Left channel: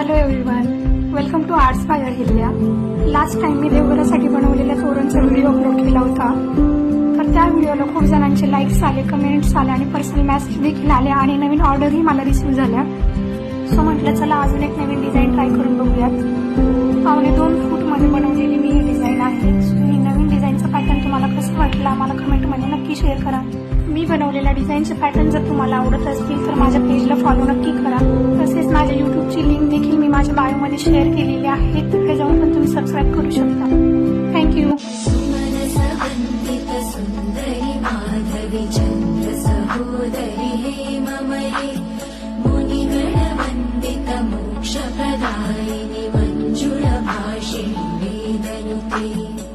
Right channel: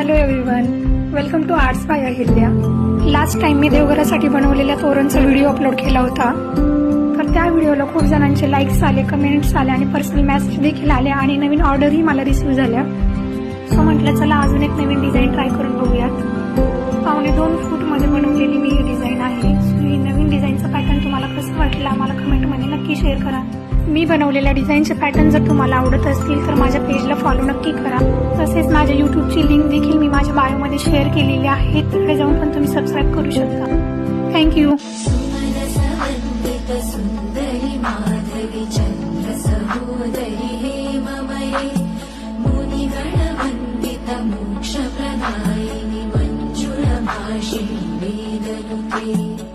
Hello everyone, welcome to arts by Ahilya. Last time मी देवघरासाठी बनवलेल्या तोरणचा व्हिडिओ अपलोड केला होता. तर त्या व्हिडिओला खूप जणांचे लाईक्स आले, कमेंट्स आले आणि पर्सनल मेसेज देखील आले आणि नवीन ऑर्डरही मला रिसीव्ह झाल्या. सो म्हटलं चला अजून एक नवीन डिझाईन ट्राय करून बघूयात. 2.25 फूटमध्ये बनवलेली मी ही डिझाईन आहे. ही नवीन डिझाईनचा पॅटर्न तुम्हाला कसं वाटला मला कमेंटमध्ये नक्की शेअर करा. मी बनवलेल्या डिझाईनचे पॅटर्न जर तुम्हाला आवडत असतील तर माझ्या पेजला फॉलो नक्की करा. तसेच माझ्या यूट्यूबची लिंक देखील मी माझ्या बायोमध्ये शेअर केलेली आहे. तिकडे जाऊन पण तुम्ही सबस्क्राईब करू शकता. थँक्यू. मोक्षप्रदायिनि मंजुलभाषिणी वेदनुते